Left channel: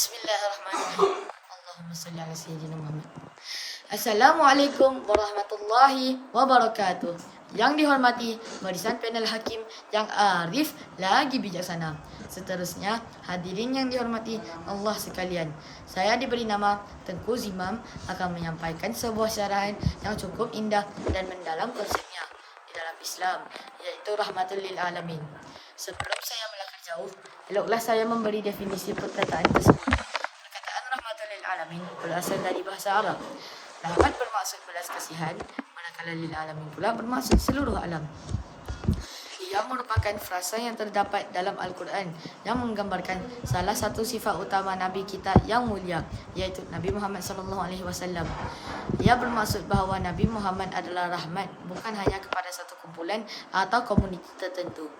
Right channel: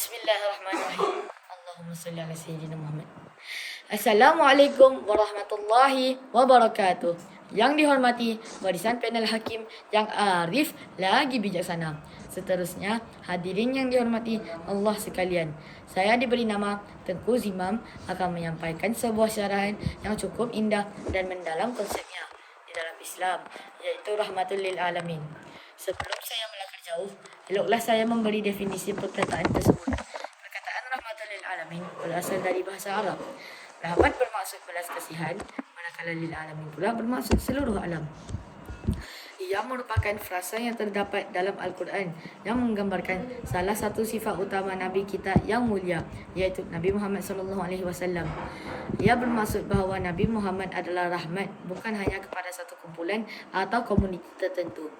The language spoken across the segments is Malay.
Bismillahirrahmanirrahim. Allahumma salli ala sayyidina Muhammad. Assalamualaikum warahmatullahi wabarakatuh. Yang dihormati barisan panel hakim yang arif lagi bijaksana. Seterusnya, hadirin yang dihormati Allah sekalian. Saya diberi nama Tengku Zimam akan menyampaikan sebuah syarahan yang cukup indah dan mendalam konsepnya di dalam Islam, yaitu rahmatul lil alamin. Sebelum saya melangkah jauh, eloklah saya memberi definisi perkataan tersebut. Perkataan rahmatul lil alamin berasal dari bahasa Arab. Rahmat bermaksud belas kasihan, manakala lil alamin pula bermaksud seluruh alam. Ia merupakan frasa yang terdapat dalam Al-Quran yang menggambarkan salah satu sifat utama Nabi kita yang mulia, iaitu Nabi Muhammad SAW. Ia bermaksud bahawa Nabi Muhammad adalah rahmat bukan hanya kepada satu kumpulan atau komuniti tertentu,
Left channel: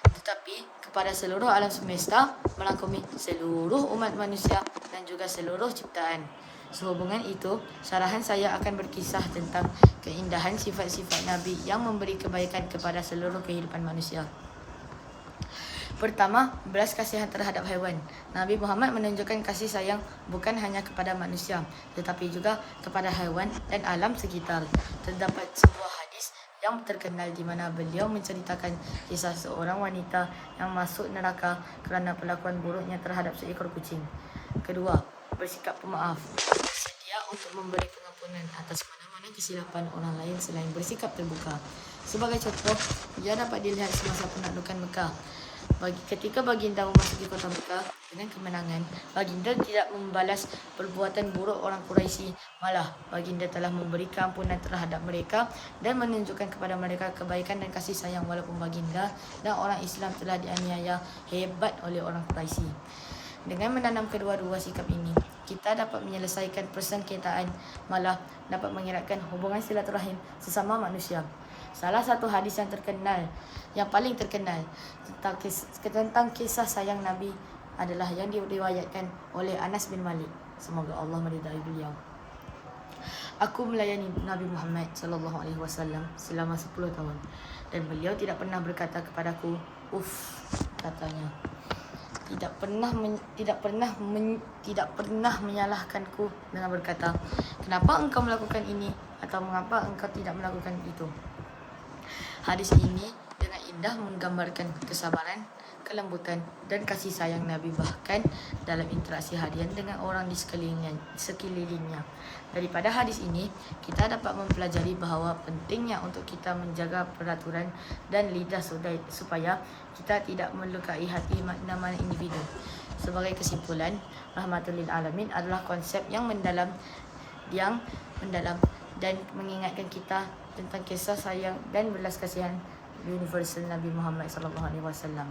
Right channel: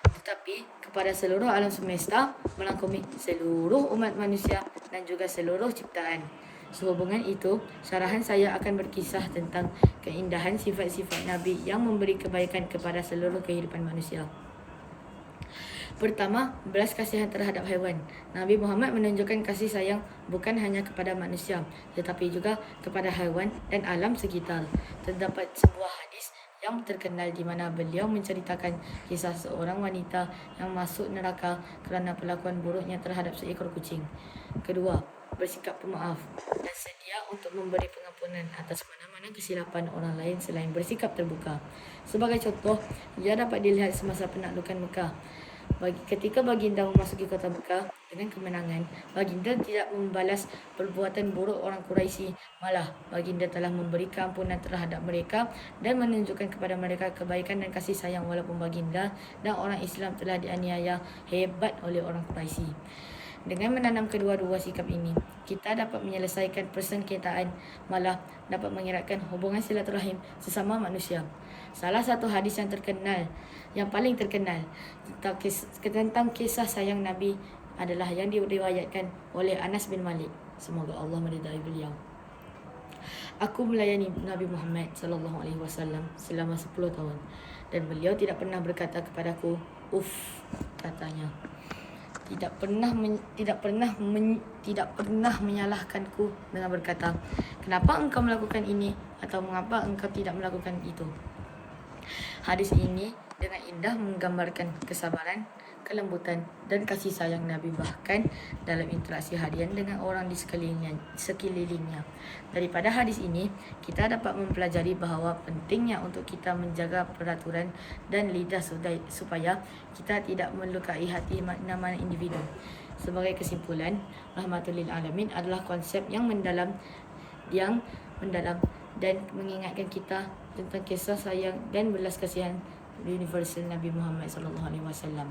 tetapi kepada seluruh alam semesta, melangkumi seluruh umat manusia dan juga seluruh ciptaan. Sehubungan itu, syarahan saya akan berkisah tentang keindahan sifat-sifat Nabi yang memberi kebaikan kepada seluruh kehidupan manusia. Pertama, belas kasihan terhadap haiwan. Nabi Muhammad menunjukkan kasih sayang bukan hanya kepada manusia, tetapi juga kepada haiwan dan alam sekitar. Terdapat sebuah hadis yang terkenal di mana beliau menceritakan kisah seorang wanita yang masuk neraka kerana perlakuan buruknya terhadap seekor kucing. Kedua, bersikap pemaaf, bersedia untuk memberi pengampunan atas mana-mana kesilapan orang lain selain bersikap terbuka. Sebagai contoh, ia dapat dilihat semasa penaklukan Mekah. Ketika baginda memasuki kota Mekah dengan kemenangan, baginda tidak membalas perbuatan buruk orang Quraisy, malah baginda telah memberi keampunan terhadap mereka dan menunjukkan kepada mereka kebaikan dan kasih sayang walaupun baginda dan orang Islam telah dianiaya hebat oleh orang Quraisy. Dengan menanam kedua-dua sikap ini, kita dapat menyelesaikan persengketaan, malah dapat mengeratkan hubungan silaturahim sesama manusia. Salah satu hadis yang paling terkenal tentang kisah sayang Nabi adalah yang diriwayatkan oleh Anas bin Malik. Semoga Allah meridai beliau. Aku melayani Nabi Muhammad SAW selama 10 tahun dan beliau tidak pernah berkata kepadaku, "Uff," katanya. Tidak pernah menyalahkanku dengan berkata, "Kenapa engkau melakukan ini?" atau "Mengapa engkau tidak melakukan itu?" Hadis ini dengan indah menggambarkan kesabaran, kelembutan dan kasih sayang Nabi, bahkan dalam interaksi harian dengan orang di sekelilingnya. Daripada hadis ini, kita dapat mempelajari bahawa pentingnya untuk kita menjaga peraturan dan lidah supaya kita tidak melukai hati mana-mana individu. Sebagai kesimpulan, rahmatul lil alamin adalah konsep yang mendalam dan mengingatkan kita tentang kisah sayang dan belas kasihan universal Nabi Muhammad SAW.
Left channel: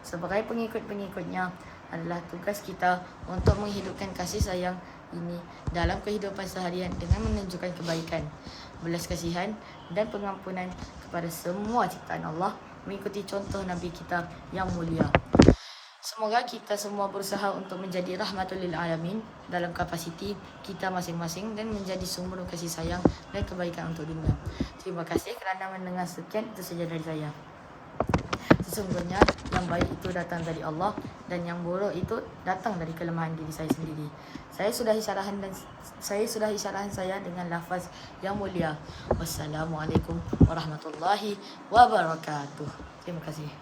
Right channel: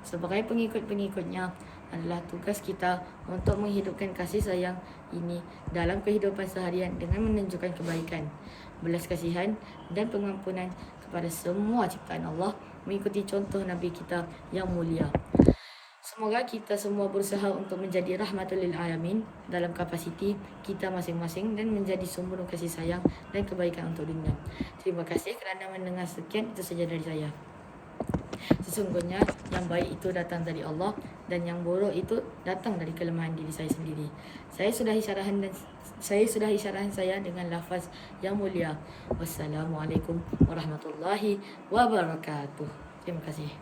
Sebagai pengikut-pengikutnya, adalah tugas kita untuk menghidupkan kasih sayang ini dalam kehidupan seharian dengan menunjukkan kebaikan, belas kasihan dan pengampunan kepada semua ciptaan Allah, mengikuti contoh Nabi kita yang mulia. Semoga kita semua berusaha untuk menjadi rahmatul lil alamin dalam kapasiti kita masing-masing dan menjadi sumber kasih sayang dan kebaikan untuk dunia. Terima kasih kerana mendengar. Sekian, itu saja dari saya. Sesungguhnya yang baik itu datang dari Allah dan yang buruk itu datang dari kelemahan diri saya sendiri. Saya sudahi syarahan saya dengan lafaz yang mulia. Wassalamualaikum warahmatullahi wabarakatuh. Terima kasih.